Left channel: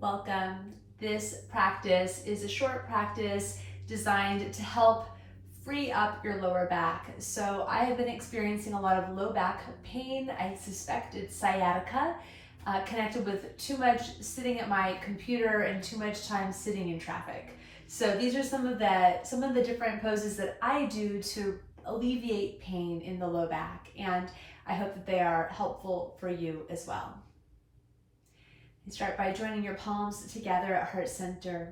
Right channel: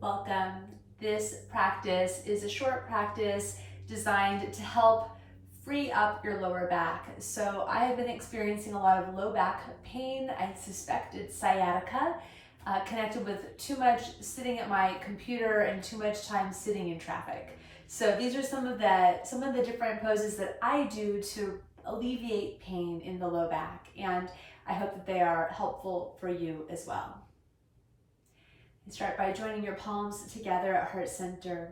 Welcome. This practice is a short practice designed to help free up your lower back. So I have been experiencing a lot of low back pain. I suspect it's sciatica, connected with too much sitting at my computer and too much time sitting in traffic. So these are some of the different poses that I do to alleviate pain in the low back, and I hope that they are helpful for you as well. You start by joining your palms together at heart center.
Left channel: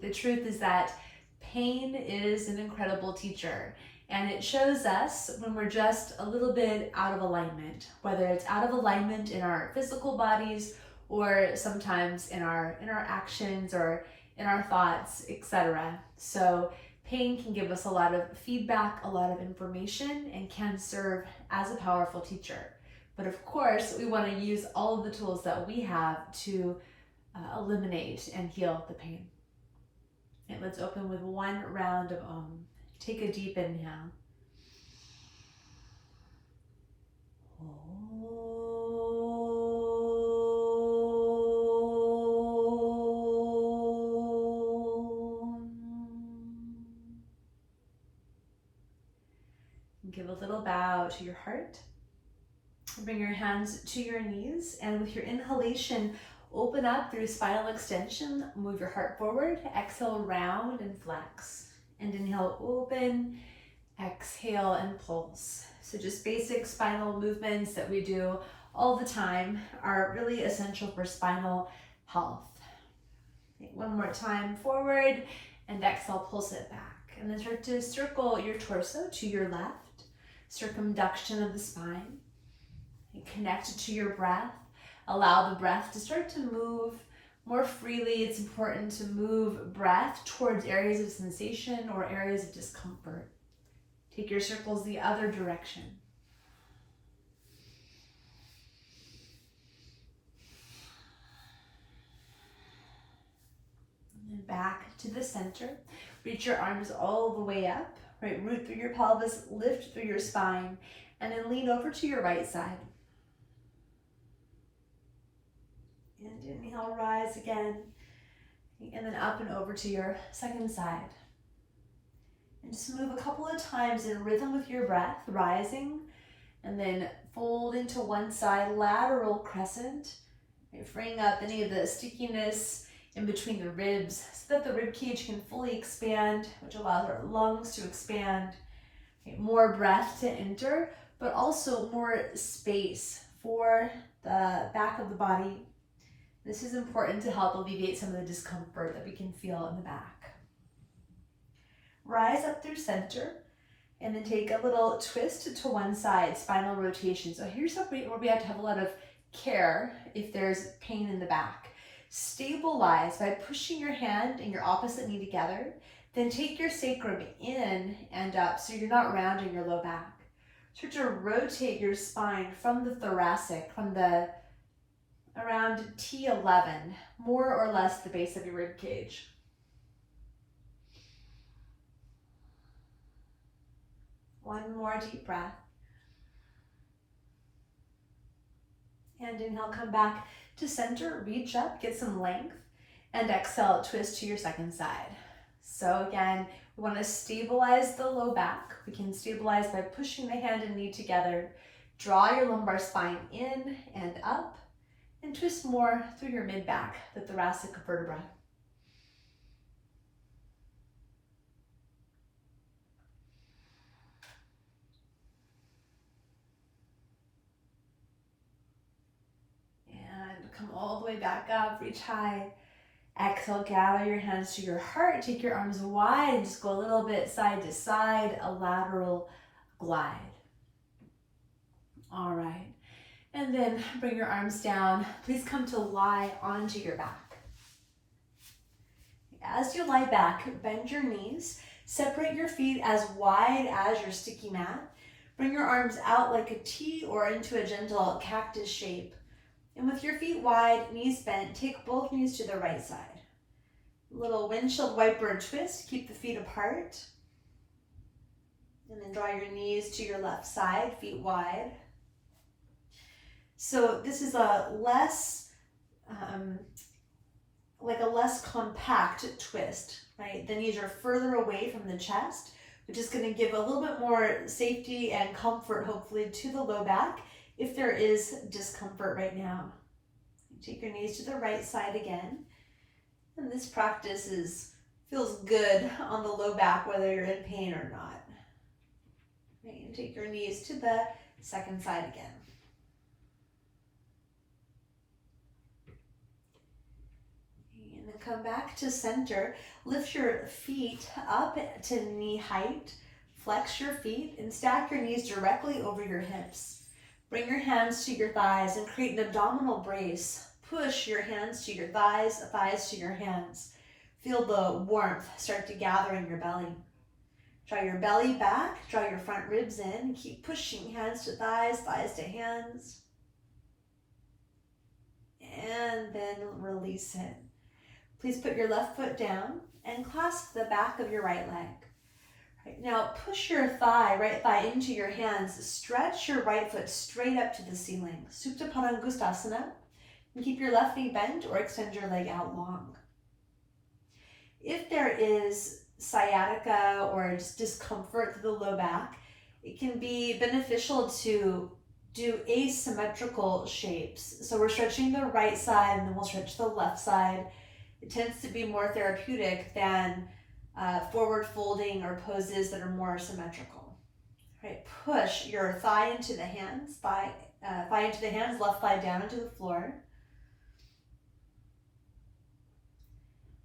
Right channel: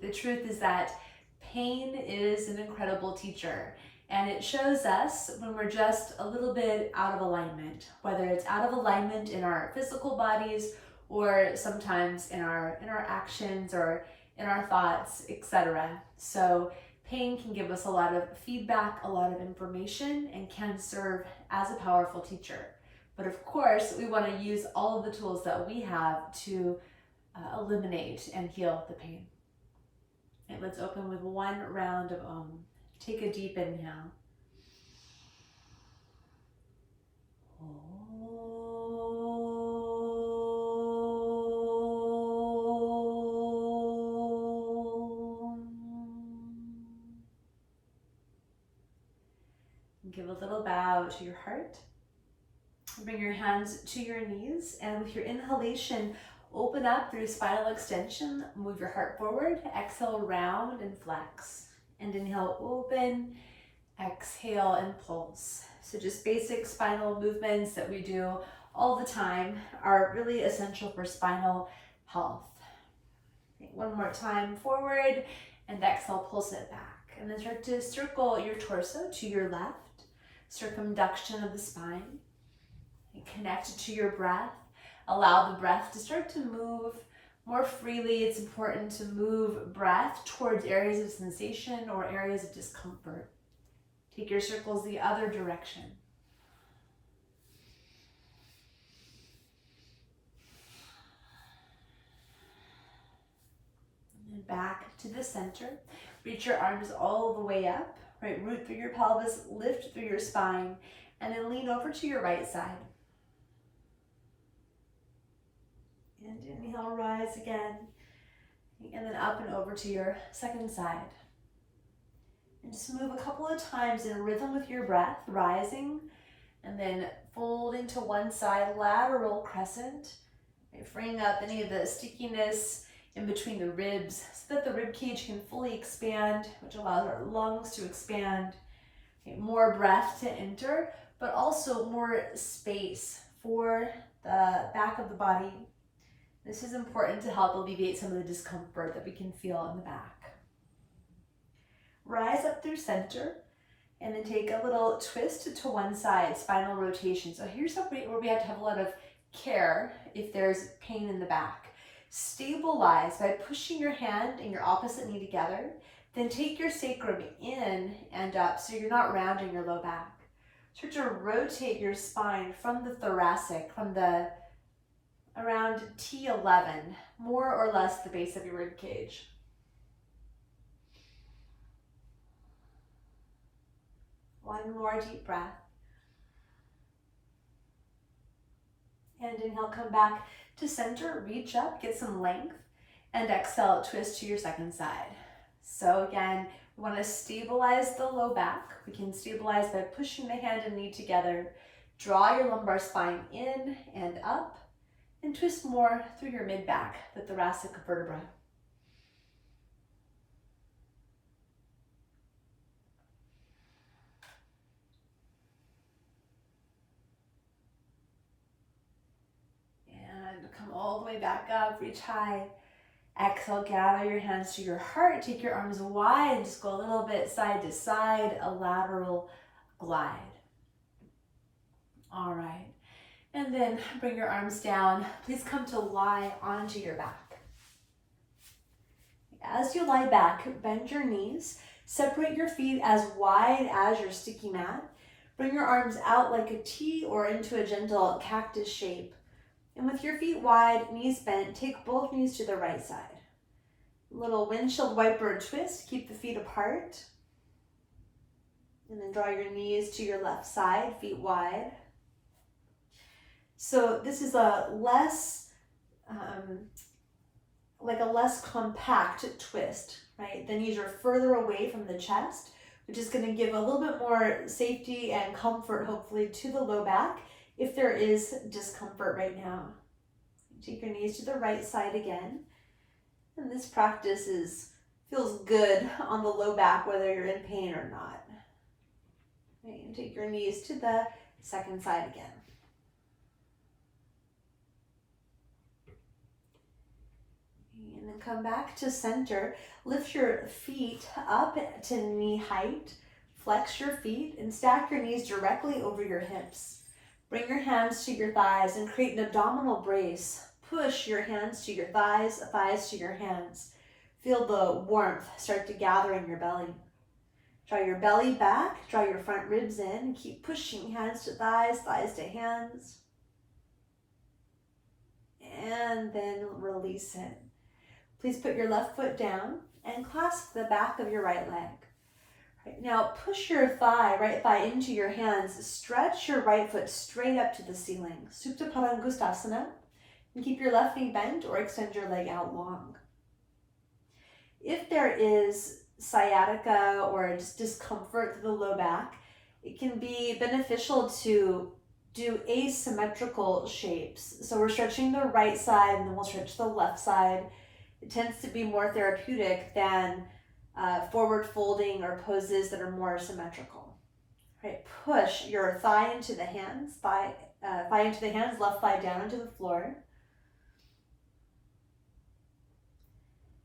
The truth is that pain is an incredible teacher, and it shows us when we're just a little bit out of alignment, whether it's out of alignment in our physical bodies or sometimes in our actions or in our thoughts, etc. So pain can give us a lot of feedback, a lot of information, and can serve as a powerful teacher. But of course, we want to use all of the tools that we have to eliminate and heal the pain. And let's open with one round of Om. Take a deep inhale. Give a little bow to your heart. Bring your hands to your knees, and with your inhalation, open up through spinal extension. Move your heart forward. Exhale, round and flex. And inhale, open. Exhale and pulse. So just basic spinal movements that we do all the time are really essential for spinal health. One more time, forward, and exhale, pulse it back. And then start to circle your torso to your left, circumduction of the spine. And connect to your breath. Allow the breath to start to move more freely. It's important to move breath towards areas of sensation or areas of discomfort. Take your circles the other direction. And back to the center. Reach your arms all the way up. Right, root through your pelvis, lift through your spine, and then lean over to your right side. And inhale, rise again. And then up and over to your second side. And just move a couple of times in rhythm with your breath, rising, and then folding to one side, lateral crescent, right, freeing up any of the stickiness in between the ribs so that the rib cage can fully expand, which allows our lungs to expand. Okay, more breath to enter, but also more space for the back of the body. This is important to help alleviate some of the discomfort that we can feel in the back. Rise up through center, and then take a little twist to one side, spinal rotation. So here's where we have to have a lot of care if there's pain in the back. Stabilize by pushing your hand and your opposite knee together. Then take your sacrum in and up so you're not rounding your low back. Start to rotate your spine from the thoracic, from the around T11, more or less the base of your rib cage. One more deep breath. And inhale, come back to center, reach up, get some length, and exhale, twist to your second side. So again, we want to stabilize the low back. We can stabilize by pushing the hand and knee together. Draw your lumbar spine in and up, and twist more through your mid-back, the thoracic vertebra. And come all the way back up, reach high. Exhale, gather your hands to your heart, take your arms wide, and just go a little bit side to side, a lateral glide. All right. And then bring your arms down. Please come to lie onto your back. As you lie back, bend your knees. Separate your feet as wide as your sticky mat. Bring your arms out like a T or into a gentle cactus shape. And with your feet wide, knees bent, take both knees to the right side. Little windshield wiper twist, keep the feet apart. And then draw your knees to your left side, feet wide. So this is a less like a less compact twist, right? The knees are further away from the chest, which is going to give a little bit more safety and comfort, hopefully, to the low back if there is discomfort right now. Take your knees to the right side again. And this practice feels good on the low back, whether you're in pain or not. Right, and take your knees to the second side again. And then come back to center. Lift your feet up to knee height. Flex your feet and stack your knees directly over your hips. Bring your hands to your thighs and create an abdominal brace. Push your hands to your thighs, thighs to your hands. Feel the warmth start to gather in your belly. Draw your belly back, draw your front ribs in. Keep pushing hands to thighs, thighs to hands. And then release it. Please put your left foot down and clasp the back of your right leg. Right, now push your right thigh into your hands. Stretch your right foot straight up to the ceiling. Supta Padangustasana. And keep your left knee bent or extend your leg out long. If there is sciatica or just discomfort through the low back, it can be beneficial to do asymmetrical shapes. So we're stretching the right side and then we'll stretch the left side. It tends to be more therapeutic than forward folding or poses that are more symmetrical. Right, push your thigh into the hands, thigh into the hands, left thigh down into the floor.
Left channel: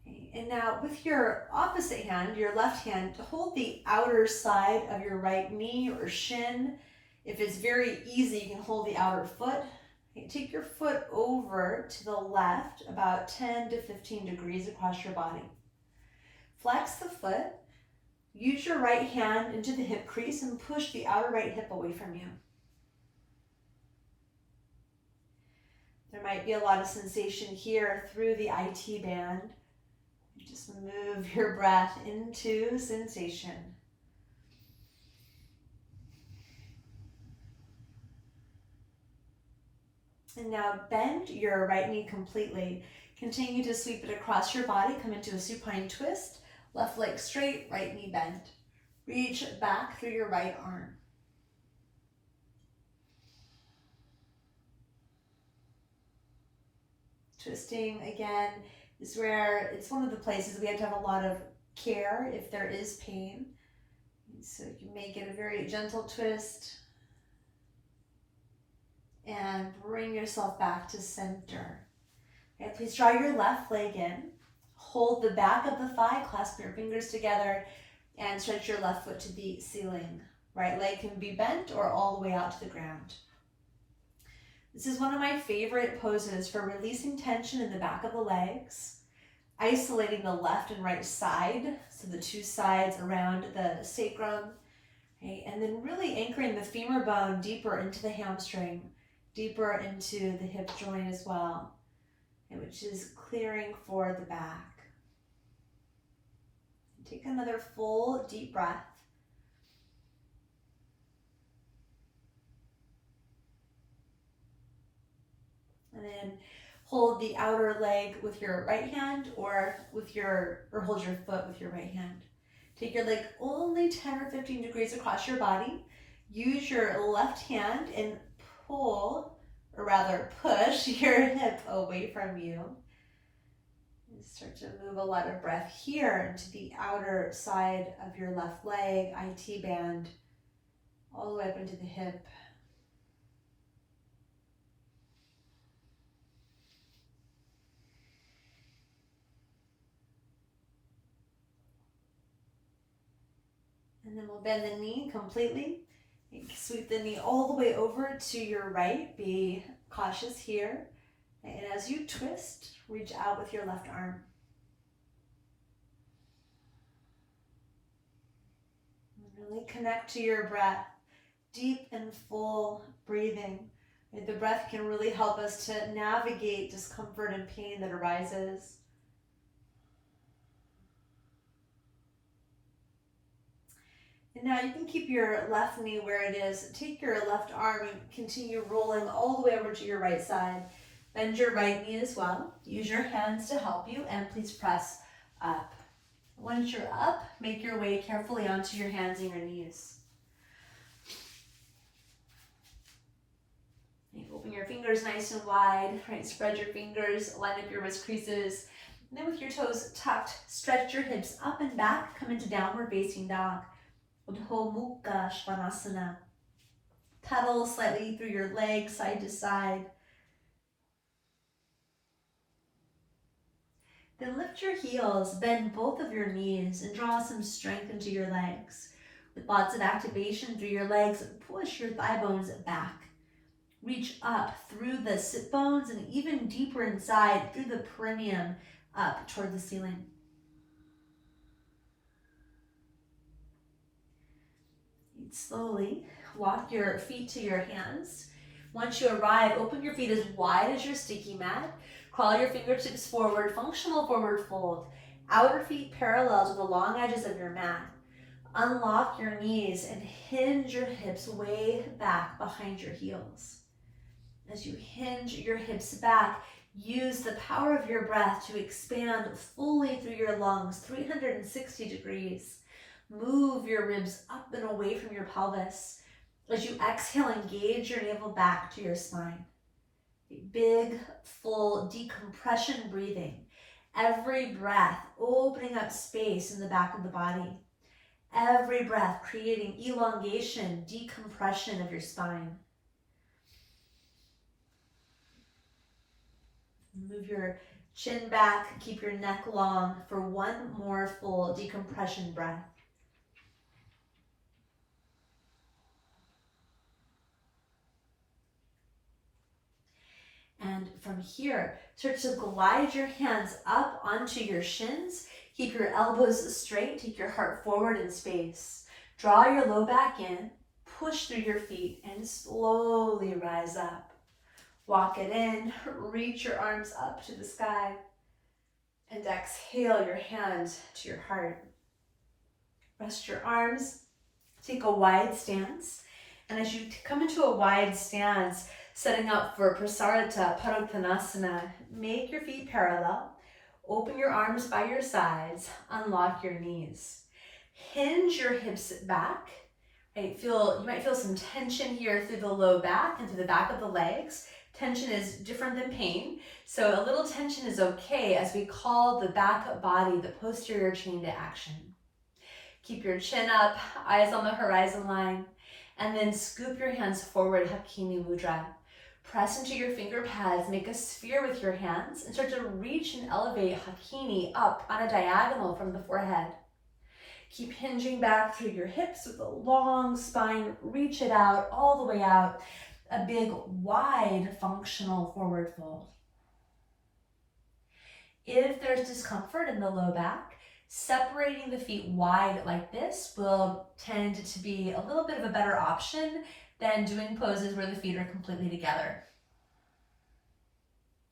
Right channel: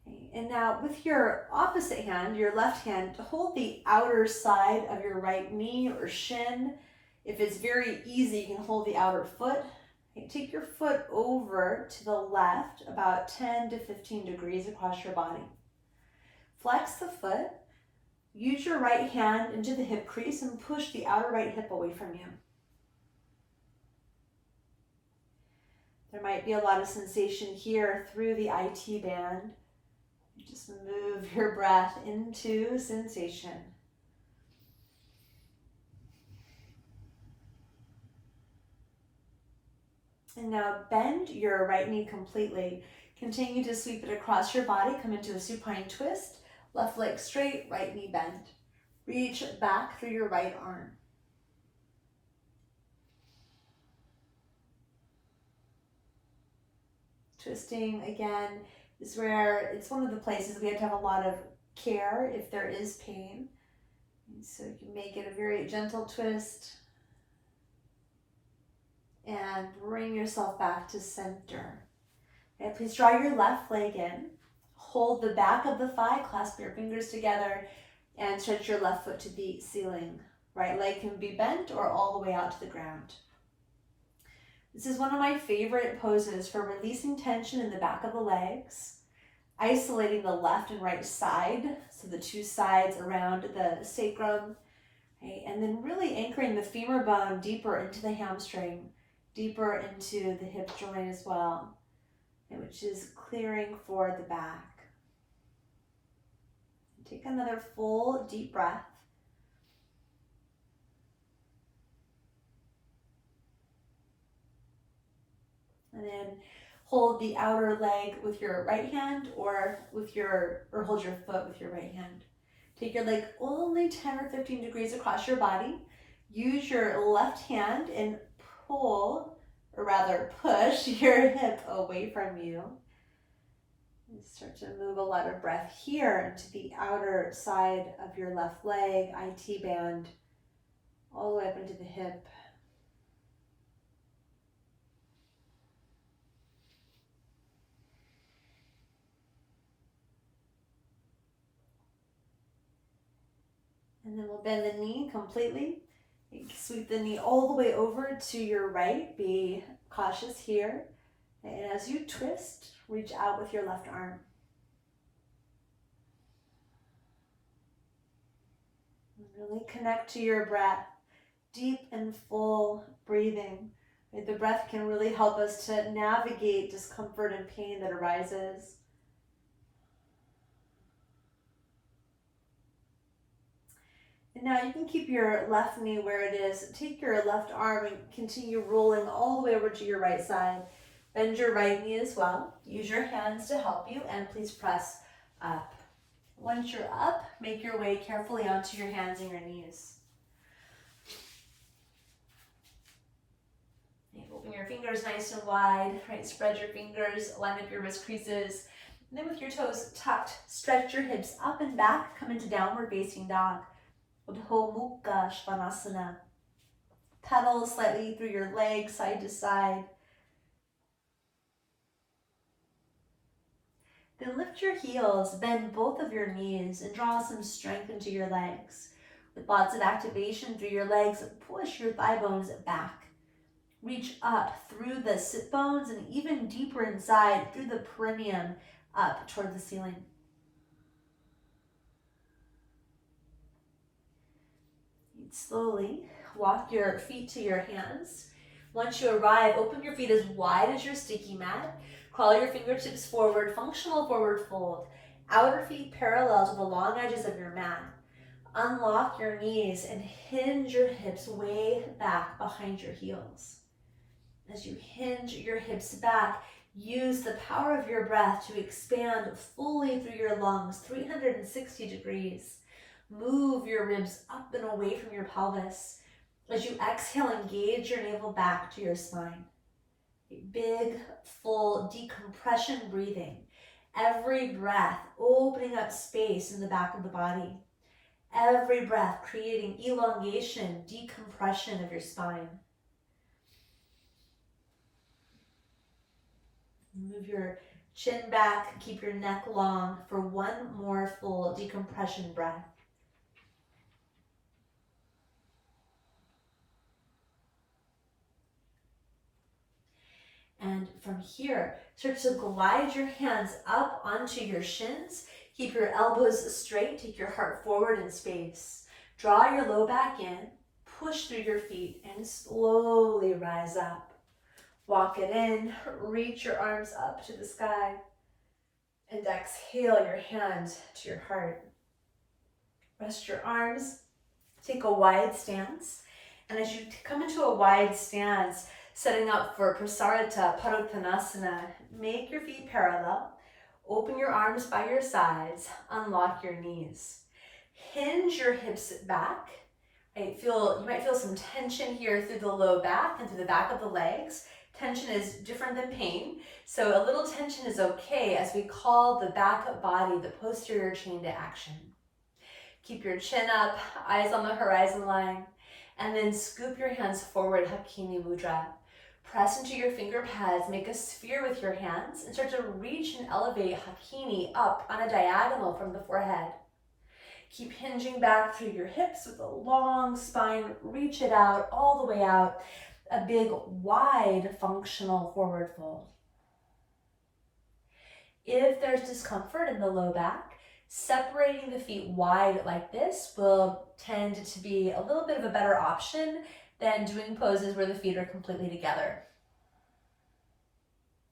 Okay, and now with your opposite hand, your left hand, hold the outer side of your right knee or shin. If it's very easy, you can hold the outer foot. Okay, take your foot over to the left about 10 to 15 degrees across your body. Flex the foot. Use your right hand into the hip crease and push the outer right hip away from you. There might be a lot of sensation here through the IT band. Just move your breath into sensation. And now bend your right knee completely. Continue to sweep it across your body. Come into a supine twist. Left leg straight, right knee bent. Reach back through your right arm. Twisting again is where it's one of the places we have to have a lot of care if there is pain. So you may get a very gentle twist and bring yourself back to center. Okay, please draw your left leg in. Hold the back of the thigh, clasp your fingers together, and stretch your left foot to the ceiling. Right leg can be bent or all the way out to the ground. This is one of my favorite poses for releasing tension in the back of the legs, isolating the left and right side, so the two sides around the sacrum, okay, and then really anchoring the femur bone deeper into the hamstring, deeper into the hip joint as well, which is clearing for the back. Take another full deep breath. And then hold the outer leg with your right hand or hold your foot with your right hand. Take your leg only 10 or 15 degrees across your body. Use your left hand and pull, or rather push your hip away from you. And start to move a lot of breath here into the outer side of your left leg, IT band, all the way up into the hip. And then we'll bend the knee completely. Sweep the knee all the way over to your right. Be cautious here. And as you twist, reach out with your left arm. Really connect to your breath. Deep and full breathing. The breath can really help us to navigate discomfort and pain that arises. And now you can keep your left knee where it is. Take your left arm and continue rolling all the way over to your right side. Bend your right knee as well. Use your hands to help you, and please press up. Once you're up, make your way carefully onto your hands and your knees. Open your fingers nice and wide, right? Spread your fingers, line up your wrist creases. And then with your toes tucked, stretch your hips up and back, come into downward facing dog. Udho Mukha Svanasana. Pedal slightly through your legs, side to side. Then lift your heels, bend both of your knees, and draw some strength into your legs. With lots of activation through your legs, push your thigh bones back. Reach up through the sit bones and even deeper inside through the perineum up toward the ceiling. Slowly walk your feet to your hands. Once you arrive, open your feet as wide as your sticky mat. Crawl your fingertips forward, functional forward fold. Outer feet parallel to the long edges of your mat. Unlock your knees and hinge your hips way back behind your heels. As you hinge your hips back, use the power of your breath to expand fully through your lungs, 360 degrees. Move your ribs up and away from your pelvis. As you exhale, engage your navel back to your spine. A big, full decompression breathing. Every breath opening up space in the back of the body. Every breath creating elongation, decompression of your spine. Move your chin back, keep your neck long for one more full decompression breath. And from here, start to glide your hands up onto your shins. Keep your elbows straight, take your heart forward in space. Draw your low back in, push through your feet, and slowly rise up. Walk it in, reach your arms up to the sky, and exhale your hand to your heart. Rest your arms, take a wide stance, and as you come into a wide stance, setting up for Prasarita Padottanasana, make your feet parallel, open your arms by your sides, unlock your knees. Hinge your hips back. Right? You might feel some tension here through the low back and through the back of the legs. Tension is different than pain, so a little tension is okay as we call the back body, the posterior chain, to action. Keep your chin up, eyes on the horizon line, and then scoop your hands forward, Hakini Mudra. Press into your finger pads, make a sphere with your hands, and start to reach and elevate Hakini up on a diagonal from the forehead. Keep hinging back through your hips with a long spine, reach it out, all the way out. A big, wide, functional forward fold. If there's discomfort in the low back, separating the feet wide like this will tend to be a little bit of a better option than doing poses where the feet are completely together.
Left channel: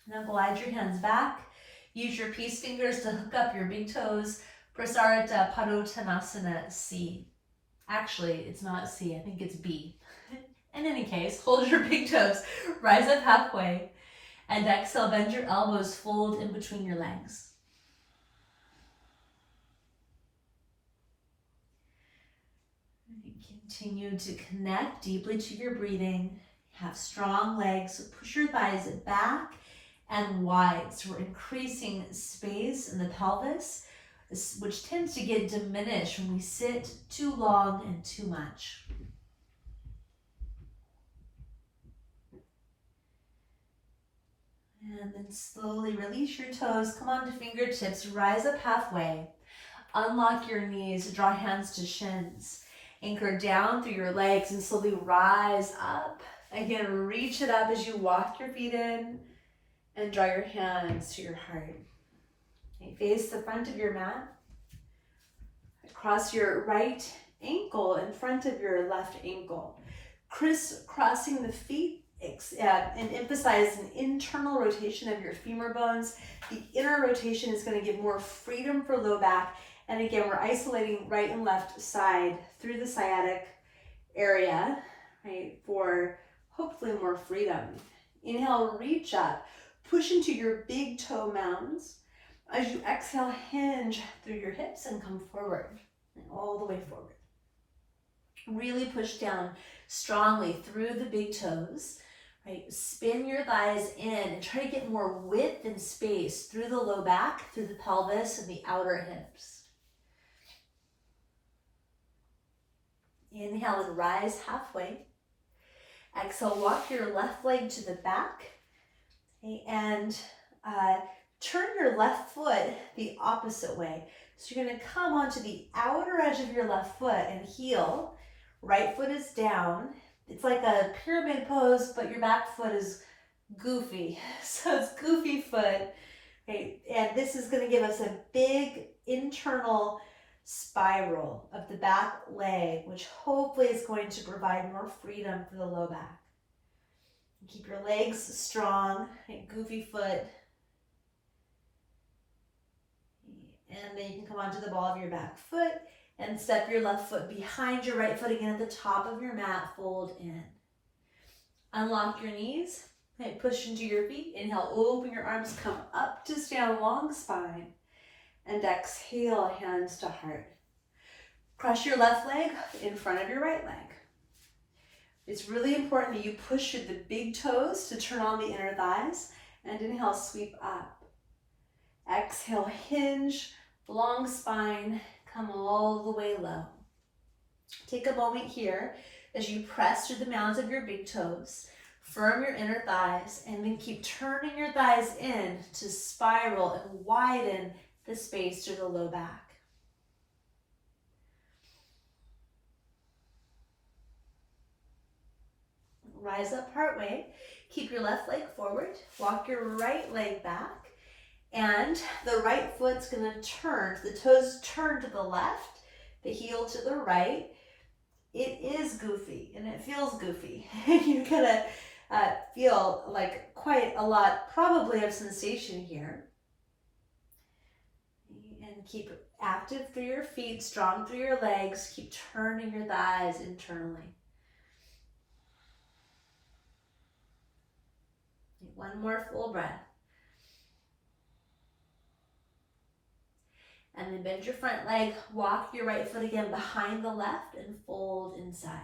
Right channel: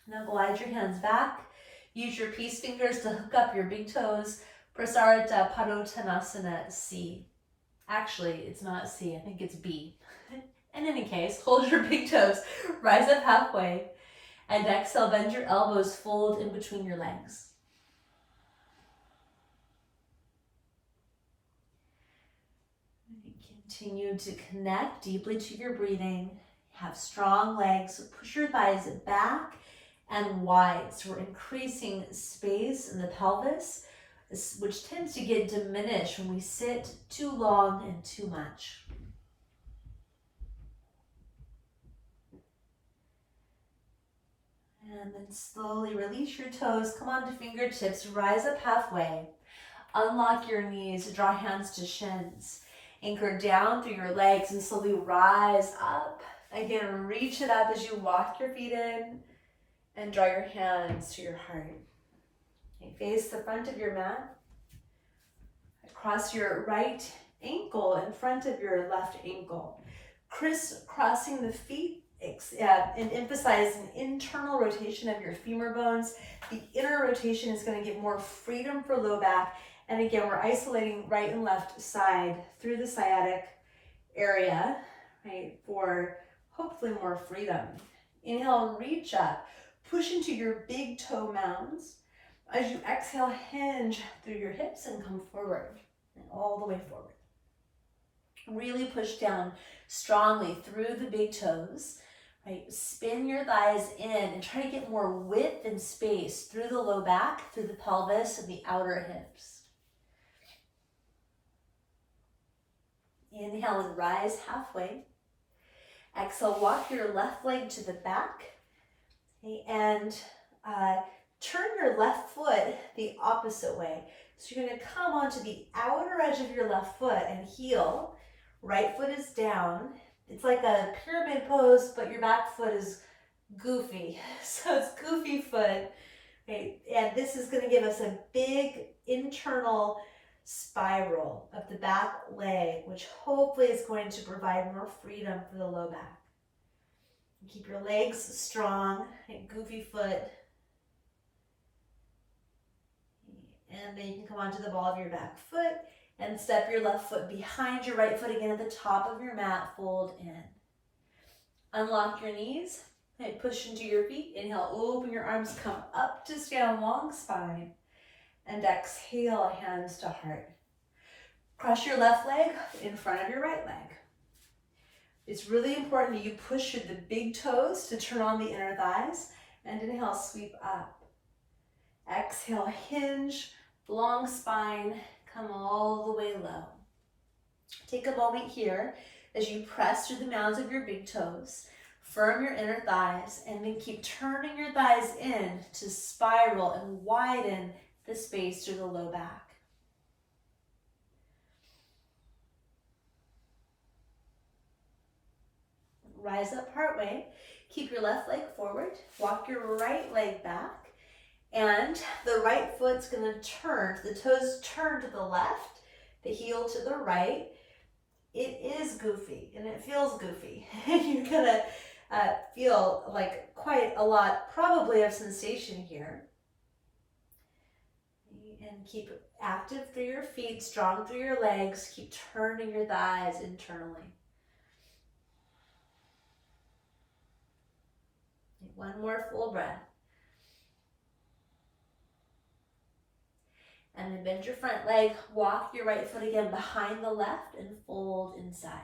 Now glide your hands back. Use your peace fingers to hook up your big toes. Prasarita Padottanasana C. Actually, it's not C, I think it's B. In any case, hold your big toes, rise up halfway, and exhale, bend your elbows, fold in between your legs. Continue to connect deeply to your breathing. Have strong legs, push your thighs back and wide. So we're increasing space in the pelvis, which tends to get diminished when we sit too long and too much. And then slowly release your toes, come onto fingertips, rise up halfway. Unlock your knees, draw hands to shins. Anchor down through your legs and slowly rise up. Again, reach it up as you walk your feet in and draw your hands to your heart. Okay, face the front of your mat. Cross your right ankle in front of your left ankle. Crisscrossing the feet and emphasize an internal rotation of your femur bones. The inner rotation is going to give more freedom for low back. And again, we're isolating right and left side through the sciatic area, right, for hopefully more freedom. Inhale, reach up. Push into your big toe mounds. As you exhale, hinge through your hips and come forward, and all the way forward. Really push down strongly through the big toes, right? Spin your thighs in and try to get more width and space through the low back, through the pelvis and the outer hips. Inhale and rise halfway. Exhale, walk your left leg to the back, okay, and turn your left foot the opposite way. So you're going to come onto the outer edge of your left foot and heel. Right foot is down. It's like a pyramid pose, but your back foot is goofy. So it's goofy foot. Okay, and this is going to give us a big internal spiral of the back leg, which hopefully is going to provide more freedom for the low back. Keep your legs strong, goofy foot. And then you can come onto the ball of your back foot and step your left foot behind your right foot again at the top of your mat, fold in. Unlock your knees, and push into your feet. Inhale, open your arms, come up to stand, long spine. And exhale, hands to heart. Cross your left leg in front of your right leg. It's really important that you push the big toes to turn on the inner thighs. And inhale, sweep up. Exhale, hinge, long spine, come all the way low. Take a moment here as you press through the mounds of your big toes, firm your inner thighs, and then keep turning your thighs in to spiral and widen the space through the low back. Rise up partway, keep your left leg forward, walk your right leg back, and the right foot's gonna turn, the toes turn to the left, the heel to the right. It is goofy and it feels goofy. You're gonna feel like quite a lot probably of sensation here. And keep active through your feet, strong through your legs, keep turning your thighs internally. One more full breath. And then bend your front leg, walk your right foot again behind the left and fold inside.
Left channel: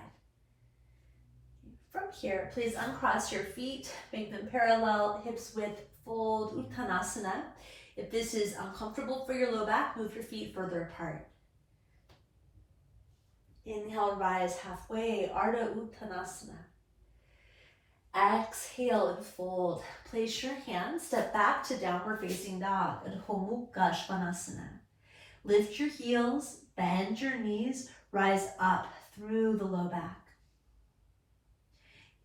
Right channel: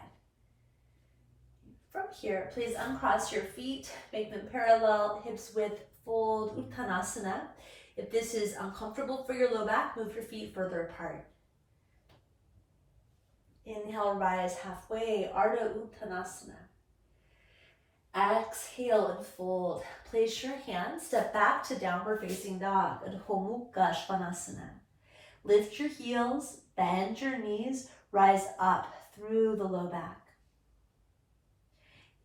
From here, please uncross your feet, make them parallel, hips width, fold, Uttanasana. If this is uncomfortable for your low back, move your feet further apart. Inhale, rise halfway, Ardha Uttanasana. Exhale and fold. Place your hands, step back to downward facing dog, Adho Mukha Svanasana. Lift your heels, bend your knees, rise up through the low back.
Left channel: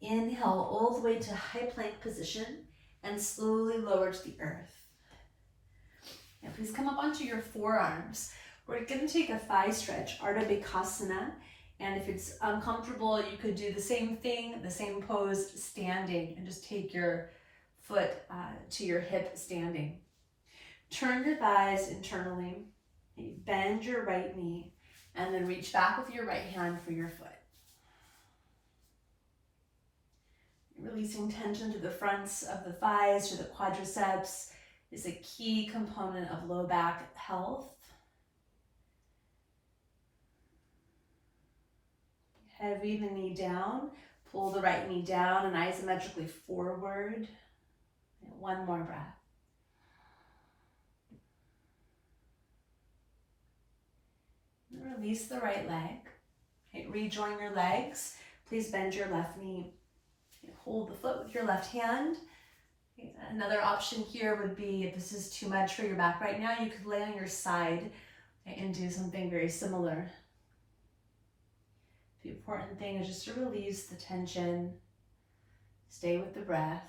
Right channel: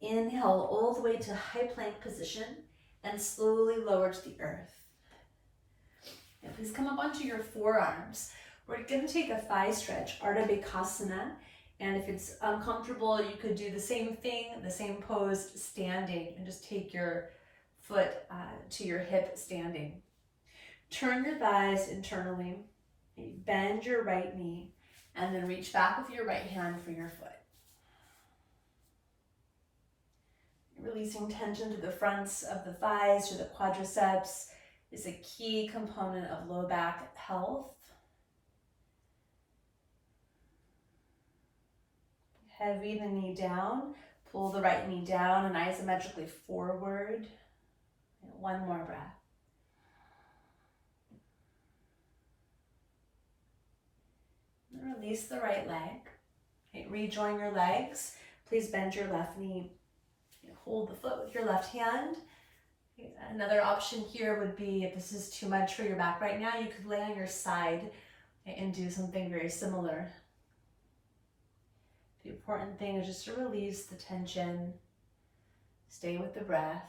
Inhale all the way to high plank position and slowly lower to the earth. And please come up onto your forearms. We're going to take a thigh stretch, Ardha Bhekasana. And if it's uncomfortable, you could do the same thing, the same pose standing, and just take your foot to your hip standing. Turn your thighs internally, bend your right knee, and then reach back with your right hand for your foot. Releasing tension to the fronts of the thighs, to the quadriceps, is a key component of low back health. Heavy the knee down, pull the right knee down and isometrically forward. One more breath. And release the right leg. Okay, rejoin your legs. Please bend your left knee. Hold the foot with your left hand. Another option here would be, if this is too much for your back right now, you could lay on your side and do something very similar. The important thing is just to release the tension, stay with the breath.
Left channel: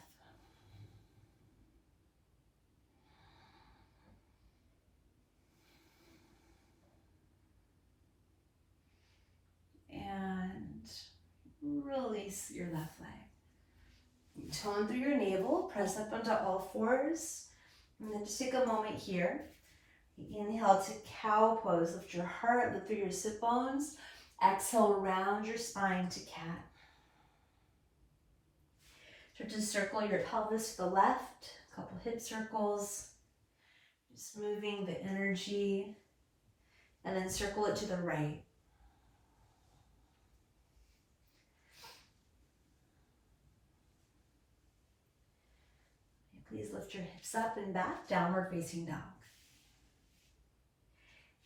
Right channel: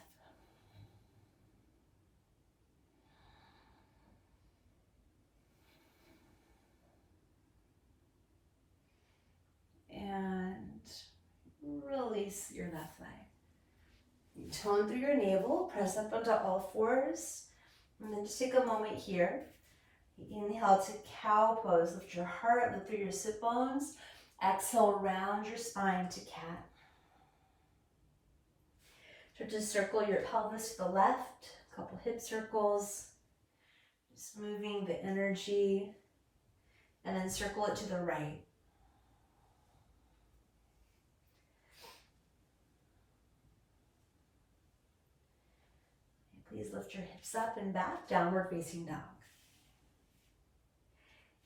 And release your left leg. Tone through your navel, press up onto all fours, and then just take a moment here. Inhale to cow pose, lift your heart, lift through your sit bones. Exhale, round your spine to cat. Start to circle your pelvis to the left, couple hip circles, just moving the energy, and then circle it to the right. Please lift your hips up and back, downward facing dog.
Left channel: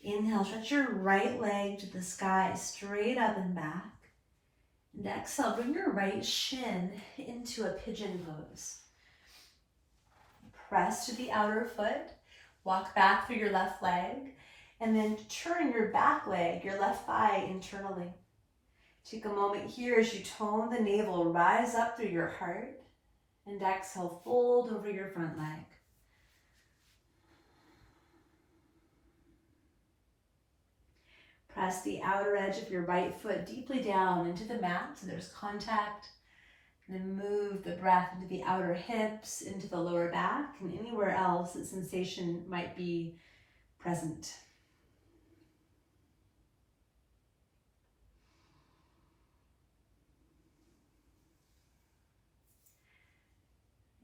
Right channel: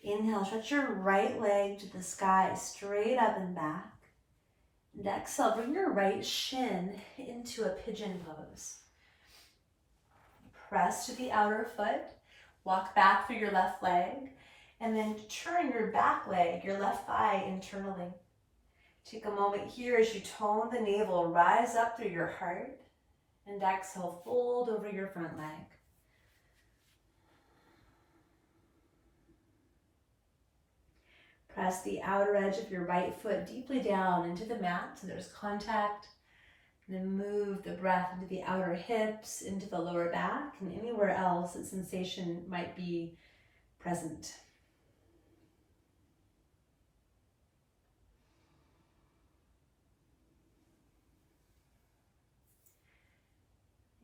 Inhale, stretch your right leg to the sky, straight up and back. And exhale, bring your right shin into a pigeon pose. Press to the outer foot, walk back through your left leg, and then turn your back leg, your left thigh internally. Take a moment here as you tone the navel, rise up through your heart, and exhale, fold over your front leg. Press the outer edge of your right foot deeply down into the mat so there's contact. And then move the breath into the outer hips, into the lower back, and anywhere else that sensation might be present.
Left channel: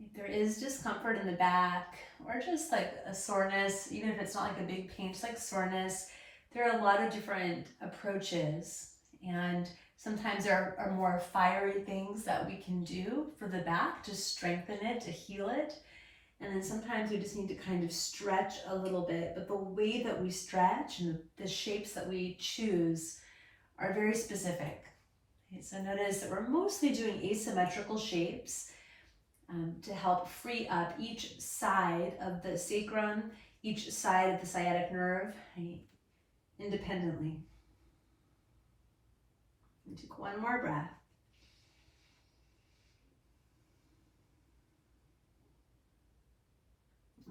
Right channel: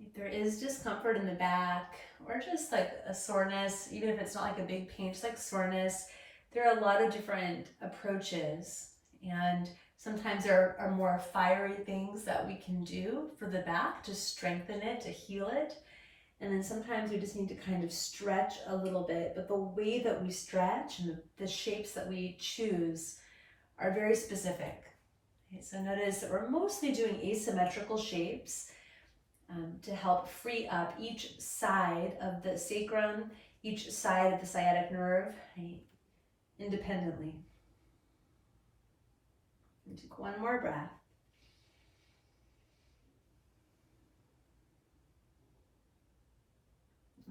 If there is discomfort in the back, or just like a soreness, even if it's not like a big pain, just like soreness, there are a lot of different approaches, and sometimes there are more fiery things that we can do for the back to strengthen it, to heal it. And then sometimes we just need to kind of stretch a little bit, but the way that we stretch and the shapes that we choose are very specific. Okay, so notice that we're mostly doing asymmetrical shapes to help free up each side of the sacrum, each side of the sciatic nerve, right, independently. And take one more breath.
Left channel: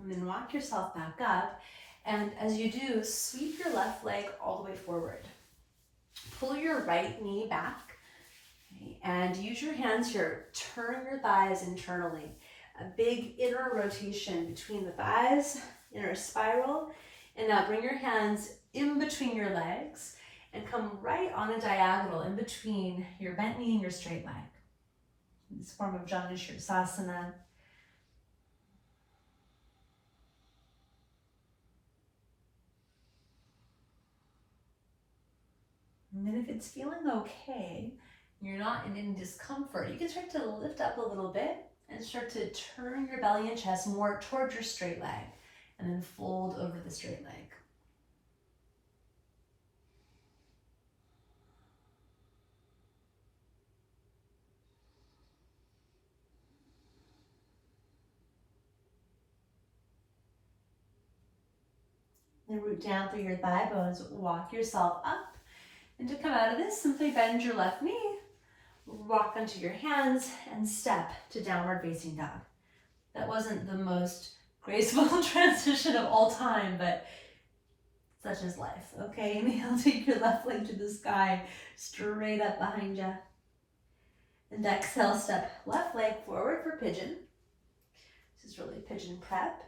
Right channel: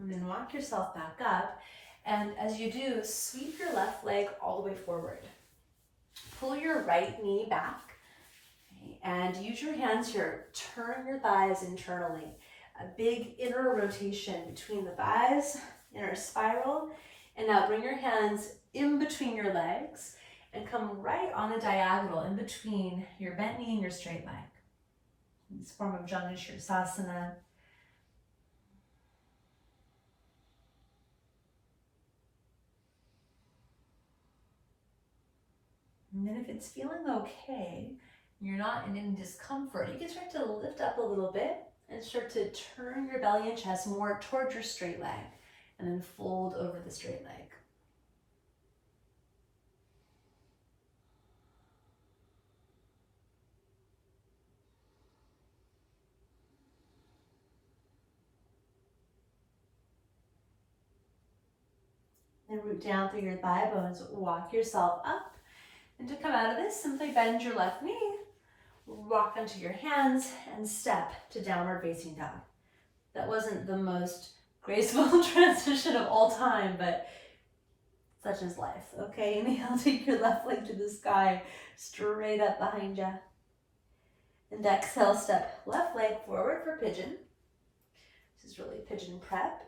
And then walk yourself back up. And as you do, sweep your left leg all the way forward. Pull your right knee back. Okay, and use your hands here. Turn your thighs internally. A big inner rotation between the thighs, inner spiral. And now bring your hands in between your legs and come right on a diagonal in between your bent knee and your straight leg. In this form of asana. And then if it's feeling okay, you're not in any discomfort, you can start to lift up a little bit and start to turn your belly and chest more towards your straight leg, and then fold over the straight leg. Then root down through your thigh bones, walk yourself up. And to come out of this, simply bend your left knee, walk onto your hands, and step to downward facing dog. That wasn't the most graceful transition of all time, but such is life. Okay, inhale, take your left leg to the sky, straight up behind you. And exhale, step left leg forward for pigeon. This is really pigeon prep.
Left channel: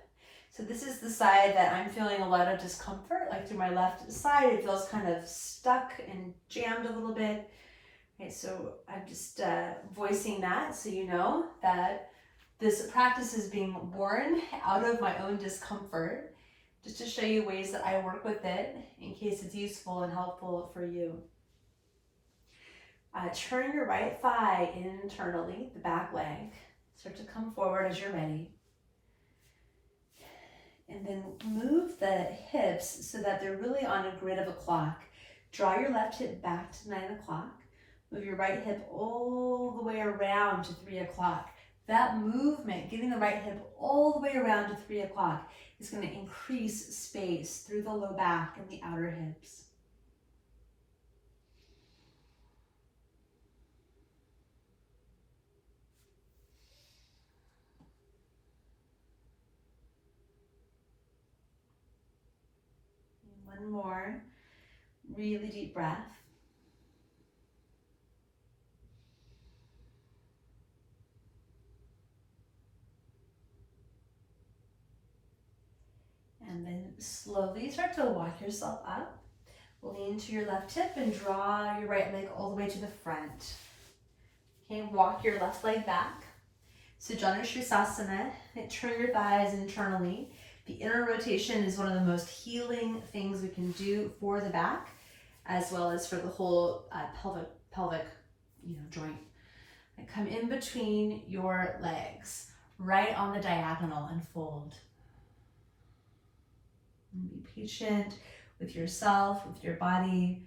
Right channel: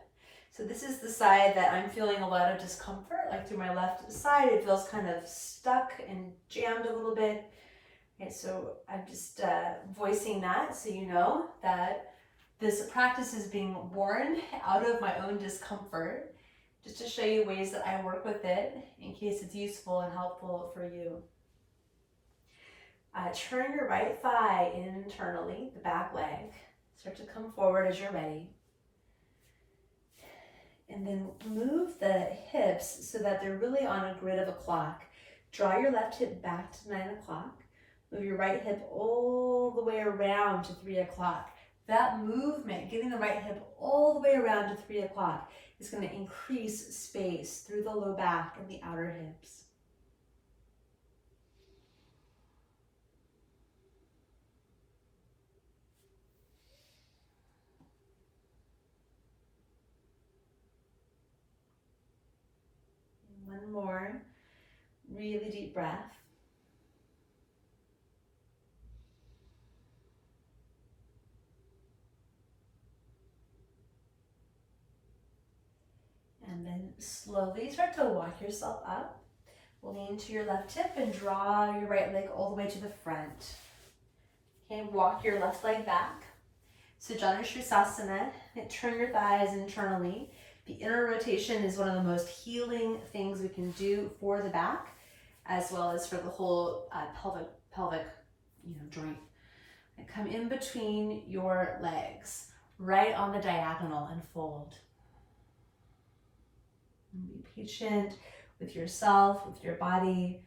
So this is the side that I'm feeling a lot of discomfort, like through my left side, it feels kind of stuck and jammed a little bit. Okay, so I'm just voicing that so you know that this practice is being born out of my own discomfort, just to show you ways that I work with it in case it's useful and helpful for you. Turn your right thigh internally, the back leg. Start to come forward as you're ready. And then move the hips so that they're really on a grid of a clock. Draw your left hip back to 9 o'clock. Move your right hip all the way around to 3 o'clock. That movement, getting the right hip all the way around to 3 o'clock, is going to increase space through the low back and the outer hips. One more really deep breath. And then slowly start to walk yourself up. Lean to your left hip and draw your right leg all the way to the front. Okay, walk your left leg back. So Janushrusasana, turn your thighs internally. The inner rotation is one of the most healing things we can do for the back, as well as for the whole pelvic joint. And come in between your legs, right on the diagonal, and fold. And be patient with yourself, with your body.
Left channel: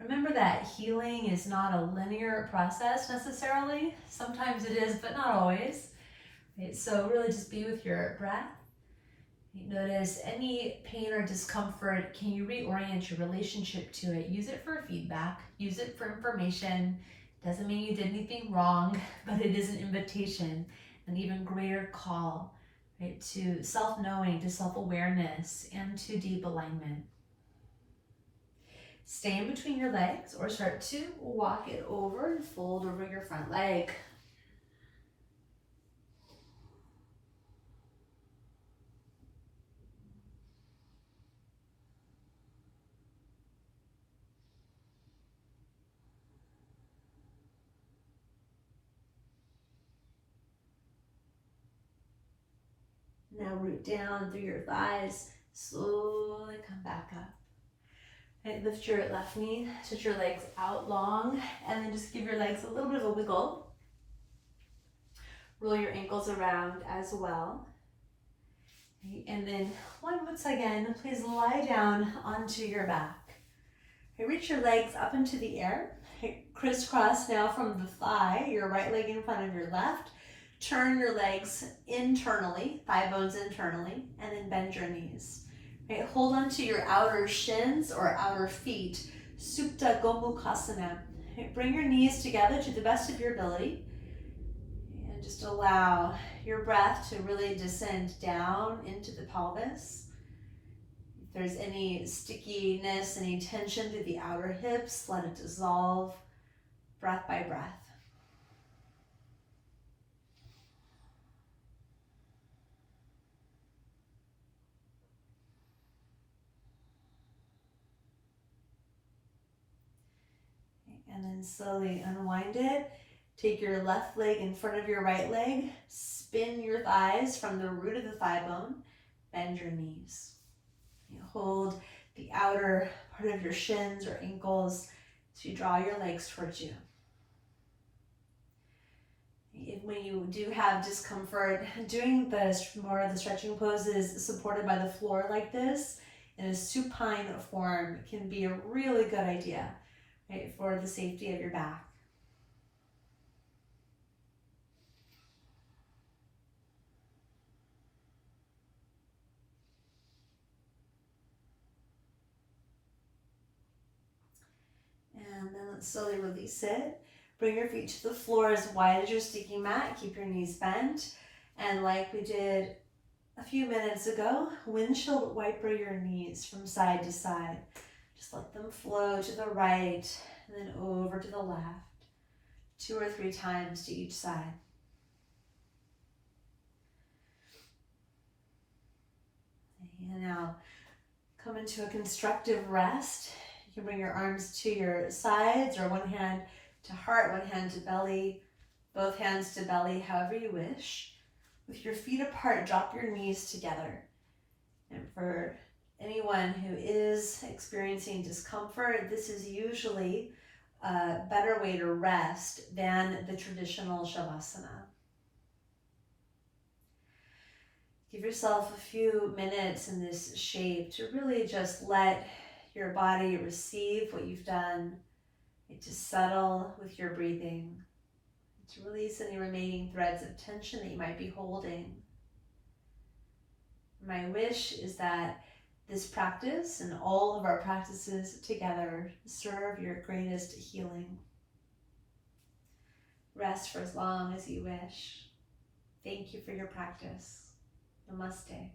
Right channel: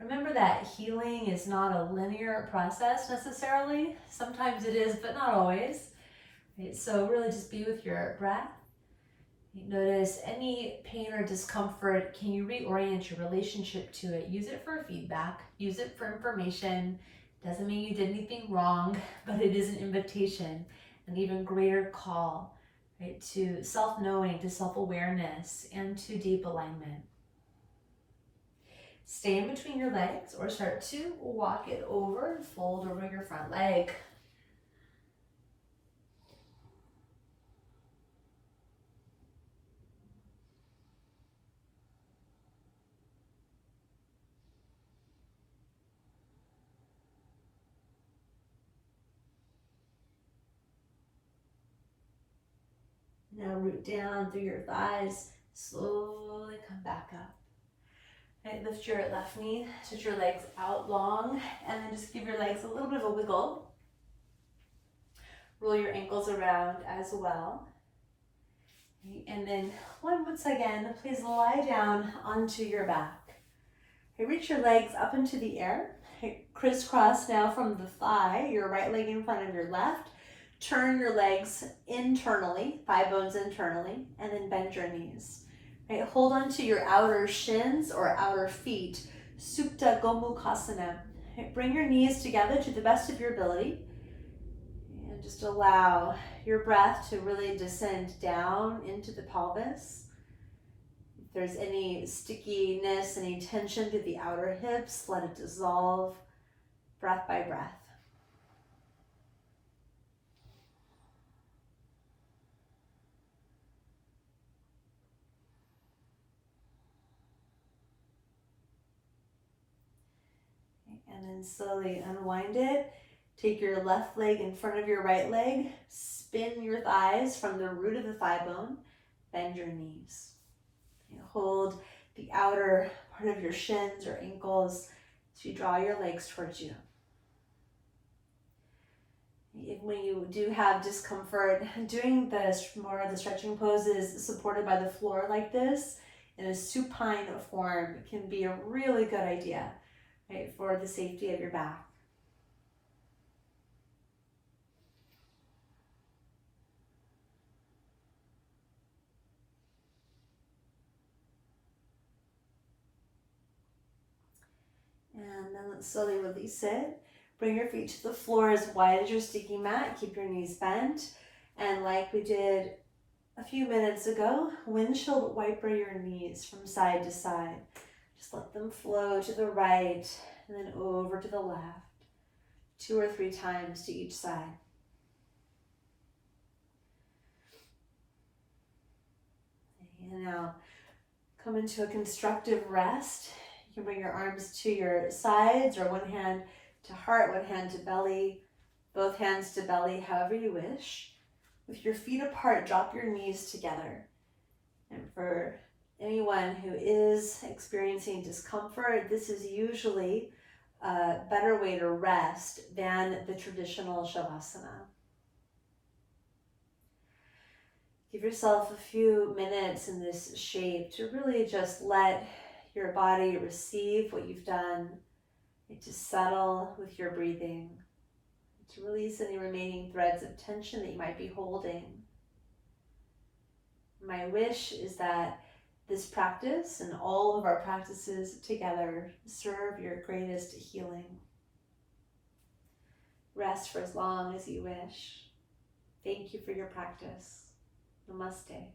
Remember that healing is not a linear process necessarily. Sometimes it is, but not always. Right? So really just be with your breath. Notice any pain or discomfort. Can you reorient your relationship to it? Use it for feedback. Use it for information. Doesn't mean you did anything wrong, but it is an invitation, an even greater call, right, to self-knowing, to self-awareness, and to deep alignment. Stay in between your legs or start to walk it over and fold over your front leg. Now root down through your thighs, slowly come back up. And lift your left knee, stretch your legs out long, and then just give your legs a little bit of a wiggle. Roll your ankles around as well. And then once again, please lie down onto your back. Reach your legs up into the air. Crisscross now from the thigh, your right leg in front of your left. Turn your legs internally, thigh bones internally, and then bend your knees. Right, hold on to your outer shins or outer feet, Supta Gomukhasana. Right, bring your knees together to the best of your ability. And just allow your breath to really descend down into the pelvis. If there's any stickiness, any tension through the outer hips, let it dissolve breath by breath. And then slowly unwind it. Take your left leg in front of your right leg. Spin your thighs from the root of the thigh bone. Bend your knees. Hold the outer part of your shins or ankles as you draw your legs towards you. When you do have discomfort, doing more of the stretching poses supported by the floor like this in a supine form can be a really good idea, right, for the safety of your back. And then let's slowly release it. Bring your feet to the floor as wide as your sticky mat. Keep your knees bent. And like we did a few minutes ago, windshield wiper your knees from side to side. Just let them flow to the right and then over to the left. 2 or 3 times to each side. And now come into a constructive rest. You can bring your arms to your sides or one hand to heart, one hand to belly, both hands to belly, however you wish. With your feet apart, drop your knees together. And for anyone who is experiencing discomfort, this is usually a better way to rest than the traditional Shavasana. Give yourself a few minutes in this shape to really just let your body receive what you've done, to settle with your breathing, to release any remaining threads of tension that you might be holding. My wish is that this practice and all of our practices together serve your greatest healing. Rest for as long as you wish. Thank you for your practice. Namaste.